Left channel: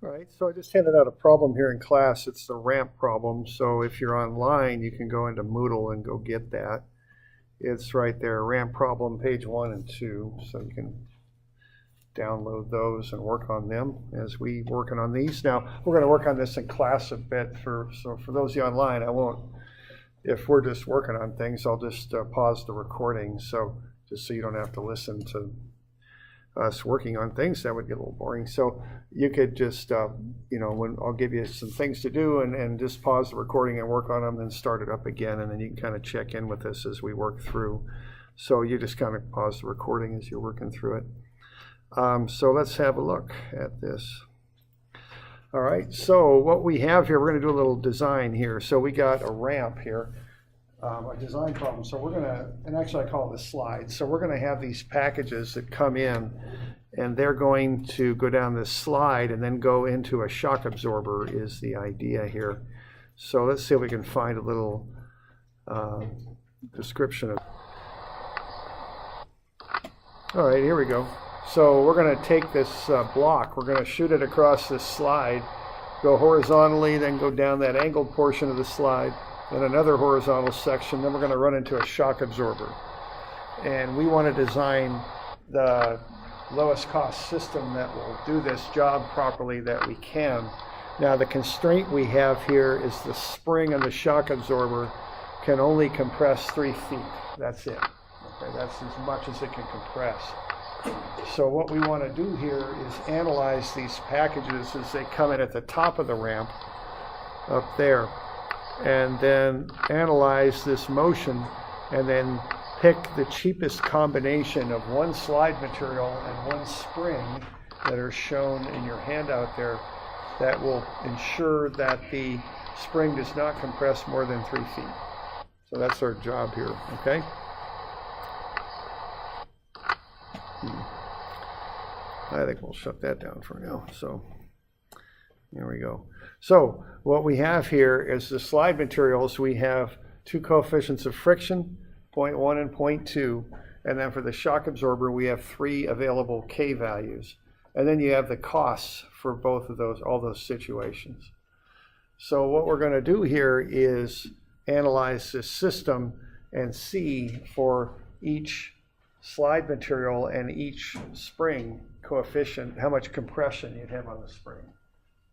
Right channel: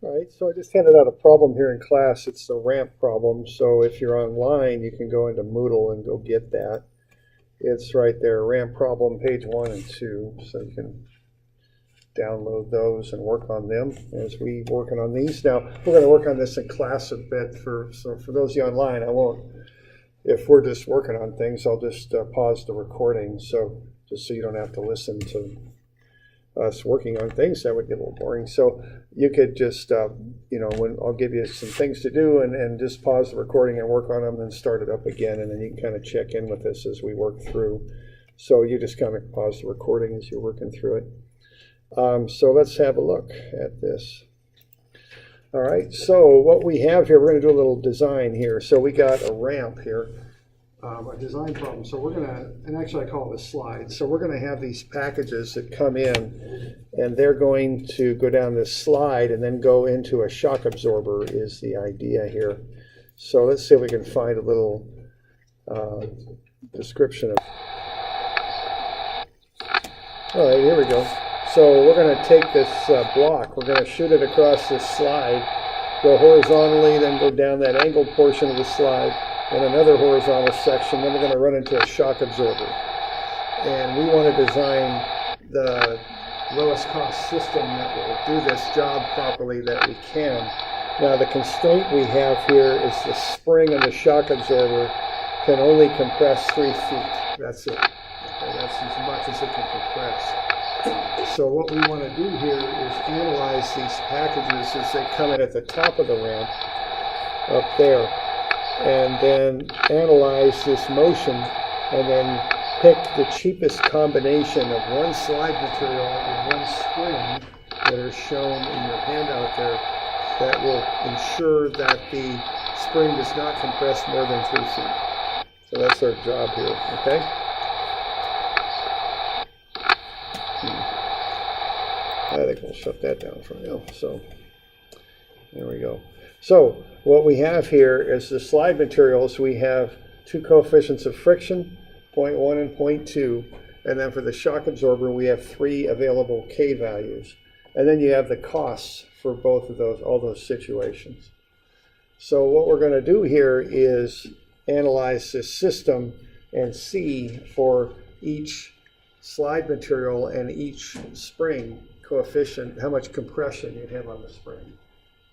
All right, so I just handed out a problem here in class. It's the ramp problem. So if you're online, you can go into Moodle and go get that. It's right there, ramp problem, page 1 and 2. So you can download those and work on them as we working on these. Now, we're going to work on this in class a bit. So for those of you online, I won't, if we're just working on things, I'll just pause the recording. So just so you don't have to listen to us working on things, that would get a little boring. So you could just, when I'll give you some things to do and just pause the recording and work on them, then start it up again, and then you can kind of check in with us as we work through. So you just kind of pause the recording as you're working through it. So let's have a look at this. All right, so what we have here, we're going to do a little design here. So we got a ramp here. A design problem. So we're going to, and actually I call it a slide. So we're going to have these packages that come in, and they're going to go down this slide and then go into a shock absorber is the idea here. So let's see if we can find a little description of. All right, here we go. So we're going to take this block, we're going to shoot it across this slide, go horizontally, then go down that angled portion of the slide, and another horizontal section, then we're going to run into a shock absorber. And we want to design the lowest cost system that will do this job properly that we can. Now the constraint we have here is the spring of the shock absorber can only compress 3 feet. That's it. Okay, that's as much as it can compress. So what we want to do here is analyze these packages as they come in at the top of the ramp up there, and then analyze this motion, and then pick the cheapest combination of one slide material and one spring that are shown in your handout there that will ensure that the spring does not compress more than 3 feet. So that's our job here, okay? I think we'll shut that down for now. So there we go. So what we have here is the slide materials. We have 2 coefficients of friction, 0.1 and 0.2. And then for the shock absorber, we have 3 available K values. And then you have the costs for both of those, all those situations. So what we're going to do here is analyze this system and see for each slide material and each spring coefficient how much compression you'd have on the spring.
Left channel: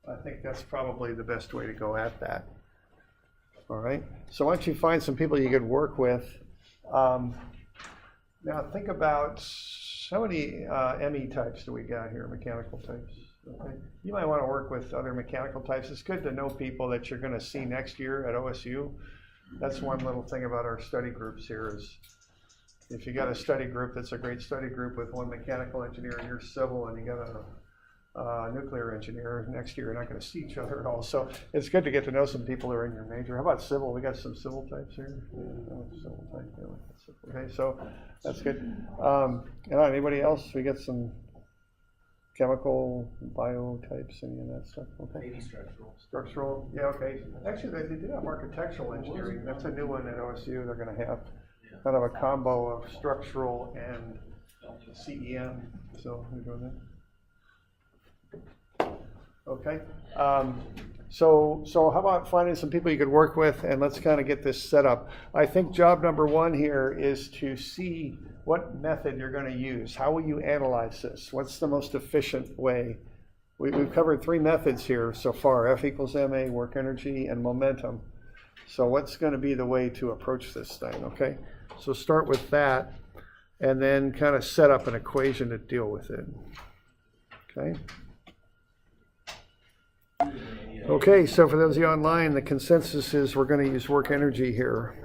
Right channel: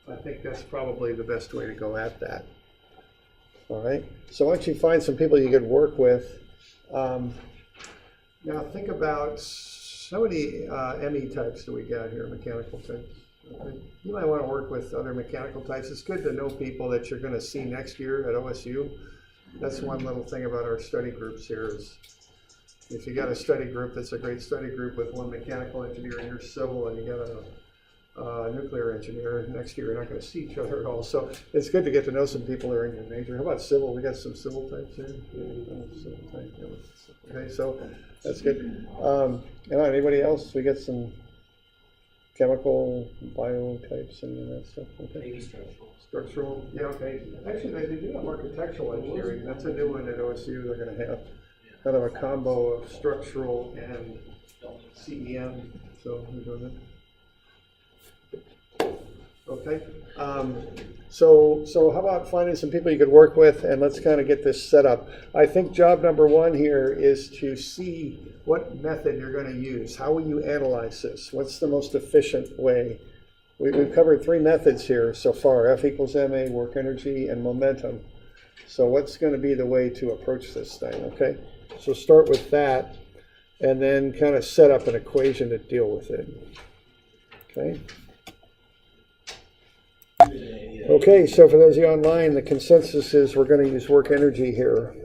I think that's probably the best way to go at that. All right, so once you find some people you could work with, now think about how many ME types do we got here, mechanical types? Okay. You might want to work with other mechanical types. It's good to know people that you're going to see next year at OSU. That's one little thing about our study groups here is if you got a study group that's a great study group with one mechanical engineer and you're civil and you got a nuclear engineer, next year you're not going to see each other at all. So it's good to get to know some people who are in your major. How about civil? We got some civil types here. Civil type. Okay, so that's good. Anybody else? We got some chemical, bio types, and that stuff. Okay. Maybe structural. Structural. Yeah. Okay. Actually, they do have architectural engineering. That's a new one at OSU. They're going to have kind of a combo of structural and CEM. So we're doing that. Okay. So how about finding some people you could work with, and let's kind of get this set up. I think job number 1 here is to see what method you're going to use. How will you analyze this? What's the most efficient way? We've covered 3 methods here so far: F equals ma, work energy, and momentum. So what's going to be the way to approach this thing? Okay. So start with that, and then kind of set up an equation to deal with it. Okay. Okay, so for those of you online, the consensus is we're going to use work energy here.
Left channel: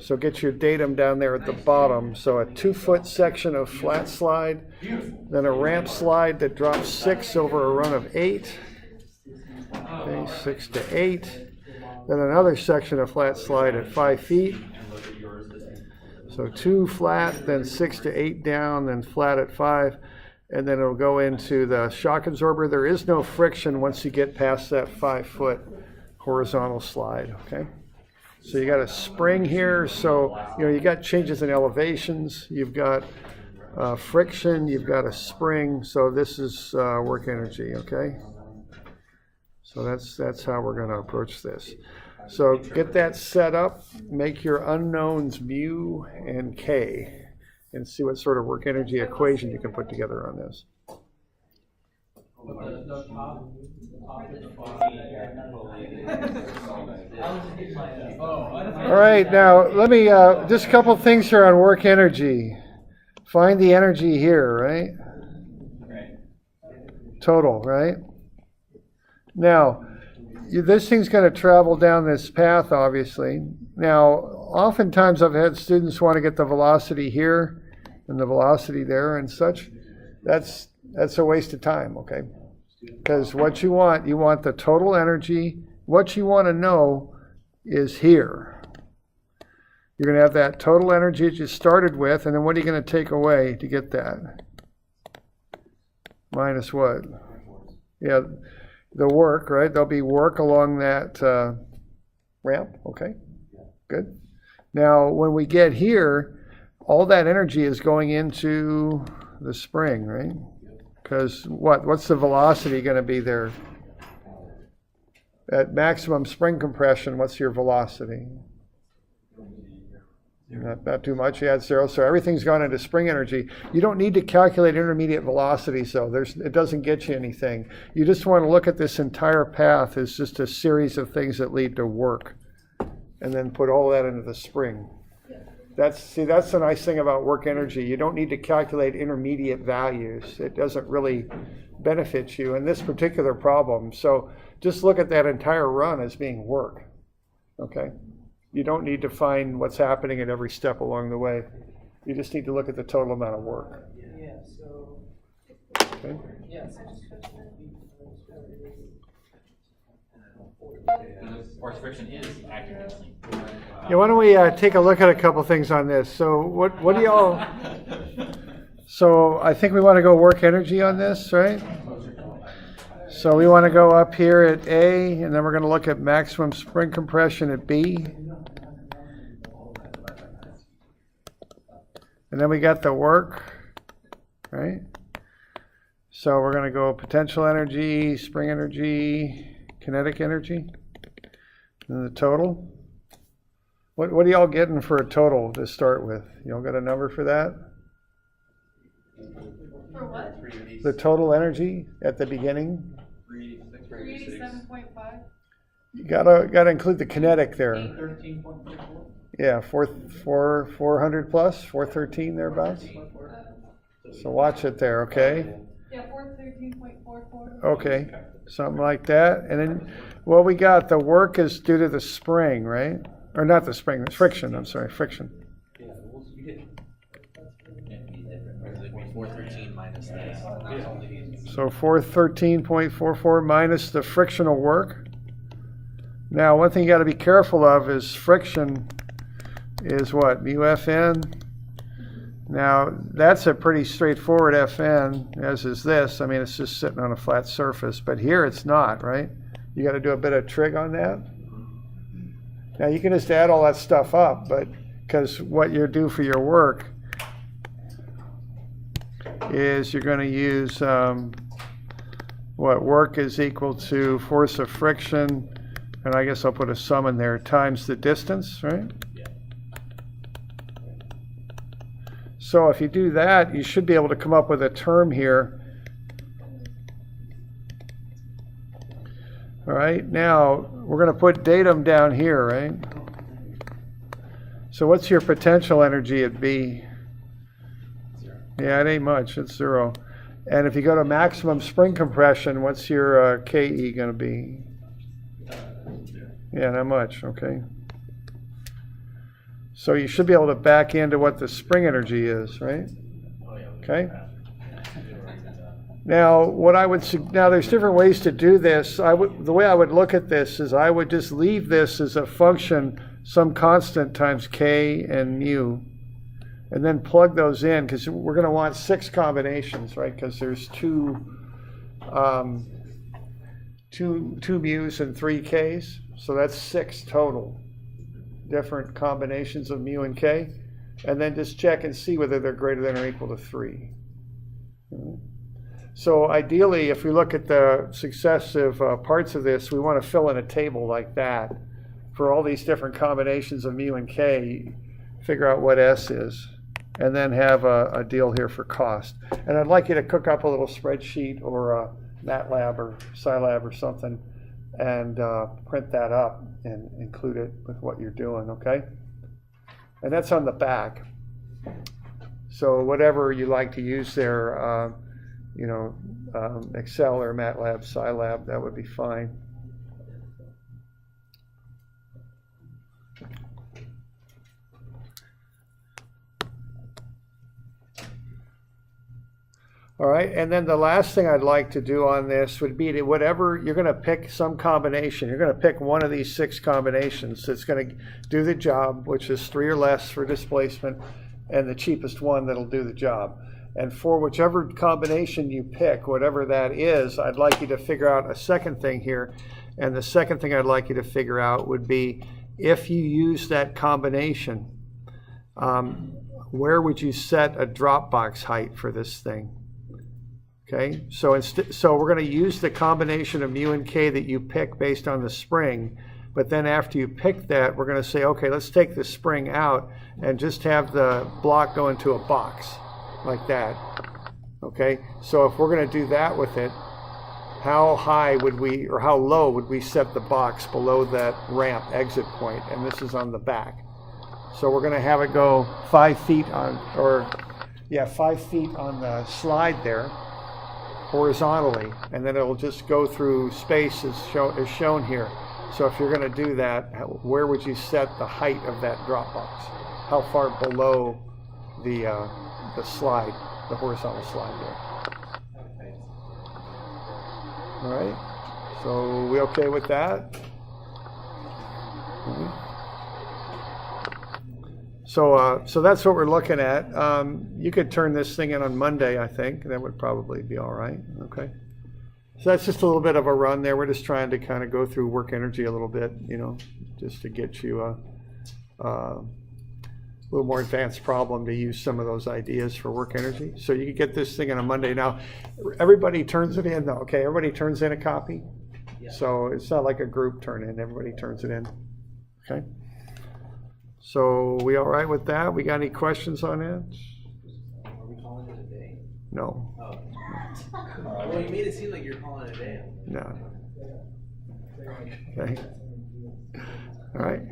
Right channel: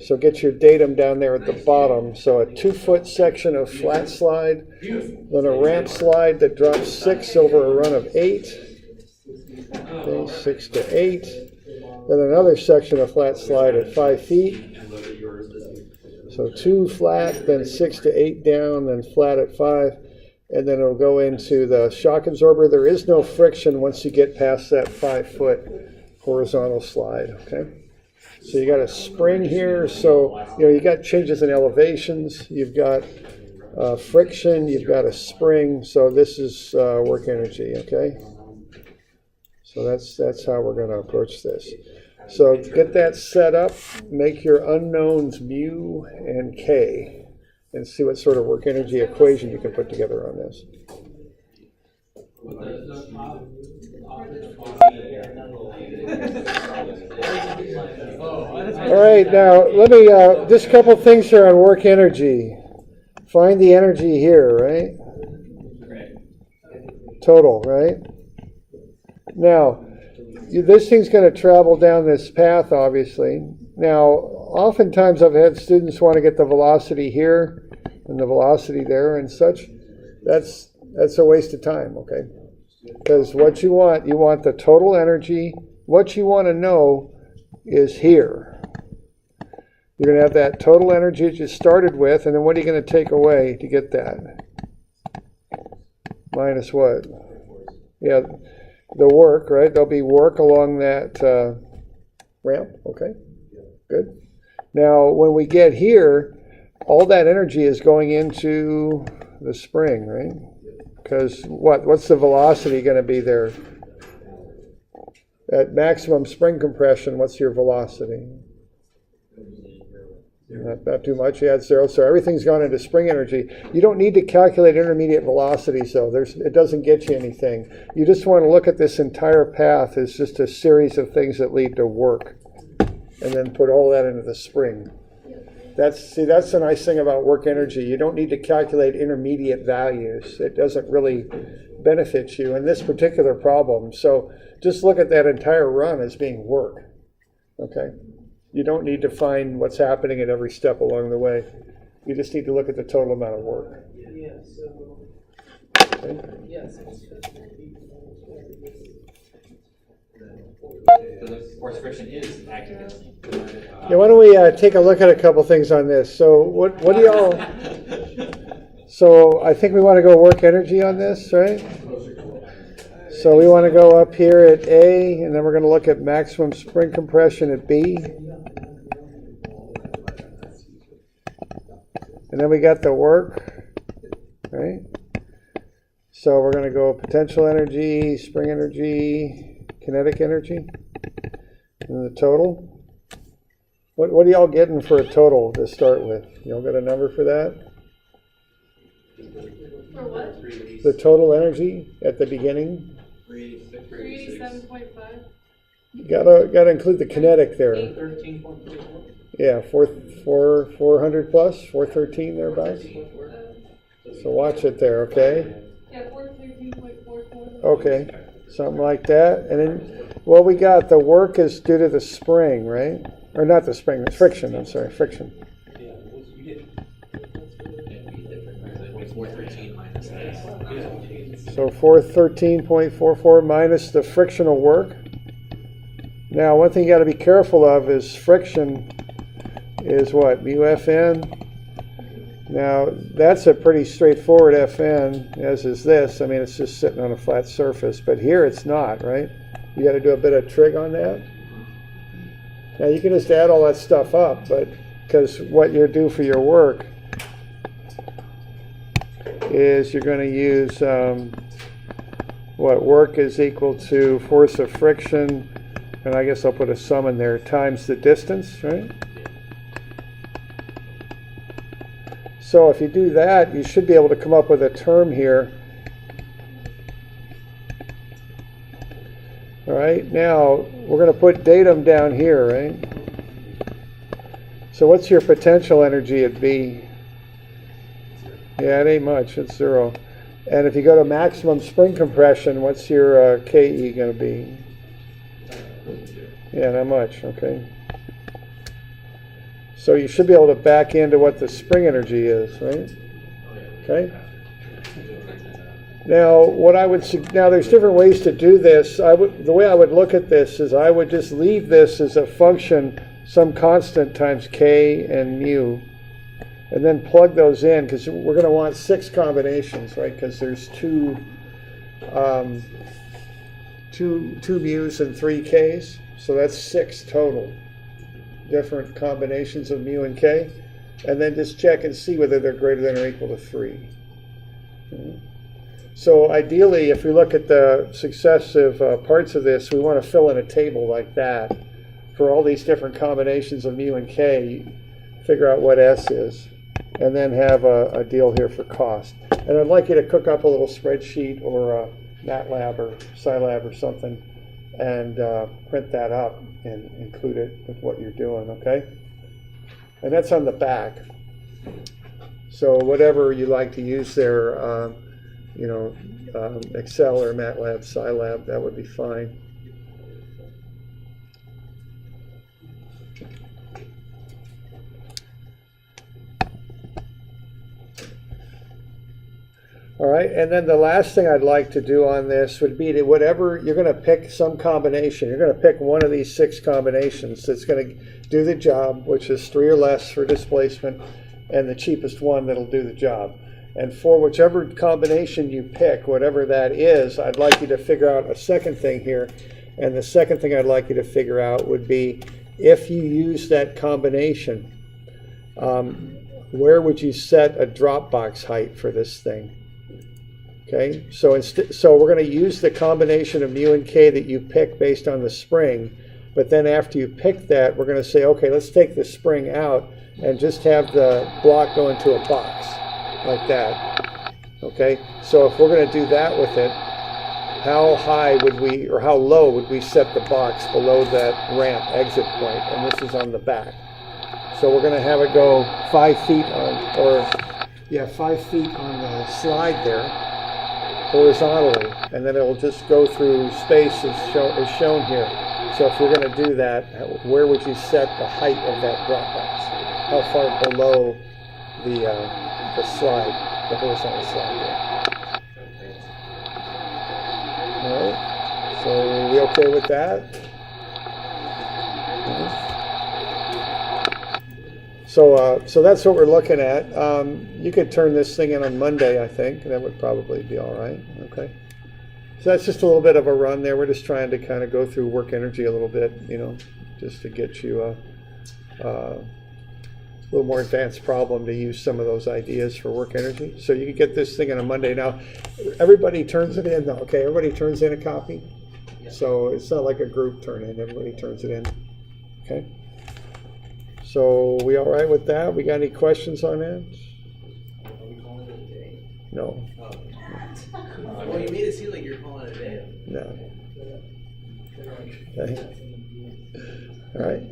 So get your datum down there at the bottom. So a 2-foot section of flat slide, then a ramp slide that drops 6 over a run of 8. Okay, 6 to 8. Then another section of flat slide at 5 feet. So 2 flat, then 6 to 8 down, then flat at 5. And then it'll go into the shock absorber. There is no friction once you get past that 5-foot horizontal slide, okay? So you got a spring here. So, you got changes in elevations. You've got friction, you've got a spring, so this is work energy, okay? So that's how we're going to approach this. So get that set up, make your unknowns mu and k, and see what sort of work energy equation you can put together on this. All right, now let me, just a couple things here on work energy. Find the energy here, right? Total, right? Now, this thing's going to travel down this path, obviously. Now, oftentimes I've had students want to get the velocity here and the velocity there and such. That's a waste of time, okay? Because what you want the total energy. What you want to know is here. You're going to have that total energy that you started with, and then what are you going to take away to get that? Minus what? Yeah, the work, right? There'll be work along that ramp, okay? Good. Now, when we get here, all that energy is going into the spring, right? Because what's the velocity going to be there? At maximum spring compression, what's your velocity? Not too much, you add 0, so everything's gone into spring energy. You don't need to calculate intermediate velocities, though. It doesn't get you anything. You just want to look at this entire path as just a series of things that lead to work, and then put all that into the spring. That's the nice thing about work energy. You don't need to calculate intermediate values. It doesn't really benefit you in this particular problem. So just look at that entire run as being work, okay? You don't need to find what's happening at every step along the way. You just need to look at the total amount of work. Yeah, so. Okay. Yes. The force friction is accurate. Yeah, why don't we take a look at a couple things on this? So what do y'all? So I think we want to go work energy on this, right? So we want to go up here at A, and then we're going to look at maximum spring compression at B. And then we got the work, right? So we're going to go potential energy, spring energy, kinetic energy, and the total. What are y'all getting for a total to start with? Y'all got a number for that? For what? The total energy at the beginning? 387.5. You gotta include the kinetic there. 13.34. Yeah, 400 plus, 413 thereabouts. So watch it there, okay? Yeah, 413.44. Okay, something like that. And then what we got, the work is due to the spring, right? Or not the spring, the friction, I'm sorry, friction. Yeah, you get 413 minus this. So 413.44 minus the frictional work. Now, one thing you got to be careful of is friction is what? Mu Fn. Now, that's a pretty straightforward Fn, as is this. I mean, it's just sitting on a flat surface. But here it's not, right? You got to do a bit of trig on that. Now, you can just add all that stuff up, but because what you do for your work is you're going to use what work is equal to force of friction, and I guess I'll put a sum in there, times the distance, right? So if you do that, you should be able to come up with a term here. All right, now we're going to put datum down here, right? So what's your potential energy at B? Yeah, it ain't much, it's 0. And if you go to maximum spring compression, what's your KE going to be? Yeah, not much, okay. So you should be able to back into what the spring energy is, right? Okay. Now, now there's different ways to do this. The way I would look at this is I would just leave this as a function, some constant times K and mu, and then plug those in because we're going to want 6 combinations, right? Because there's two mu's and 3 K's, so that's 6 total different combinations of mu and K. and then just check and see whether they're greater than or equal to 3. So ideally, if we look at the successive parts of this, we want to fill in a table like that for all these different combinations of mu and k, figure out what S is, and then have a deal here for cost. And I'd like you to cook up a little spreadsheet or a MATLAB or Scilab or something and print that up and include it with what you're doing, okay? And that's on the back. So whatever you like to use there, Excel or MATLAB, Scilab, that would be fine. All right, and then the last thing I'd like to do on this would be to whatever, you're going to pick some combination. You're going to pick one of these 6 combinations that's going to do the job, which is 3 or less for displacement, and the cheapest one that'll do the job. And for whichever combination you pick, whatever that is, I'd like you to figure out a second thing here. And the second thing I'd like you to figure out would be, if you use that combination, where would you set a drop box height for this thing? Okay, so we're going to use the combination of mu and k that you pick based on the spring, but then after you pick that, we're going to say, okay, let's take the spring out and just have the block go into a box like that. Okay, so if we're going to do that with it, how high would we, or how low would we set the box below that ramp exit point? And this is on the back. So we're going to have it go 5 feet on, 5 feet on the slide there, horizontally, and then it'll just go through space as shown here. So if you're going to do that, where would you set the height of that drop box? How far below the slide, the horizontal slide there? All right. So are we okay with that? So that's what we're looking at. You could turn this thing in on Monday, I think. That would probably be all right. Okay. So that's just a little bit of a run there. We're just trying to kind of go through work energy a little bit, just to get you a little more advanced problem to use some of those ideas for work energy. So you can get this thing on a Monday. Now, everybody turns it in though, okay? Everybody turns in a copy. Yeah. So it's not like a group turn in, everybody turns it in, okay? So we all right with that? We got any questions on it? Are we calling it a day? No, Oh. Well, you made it seem like you're calling it a day. no. Okay. All right.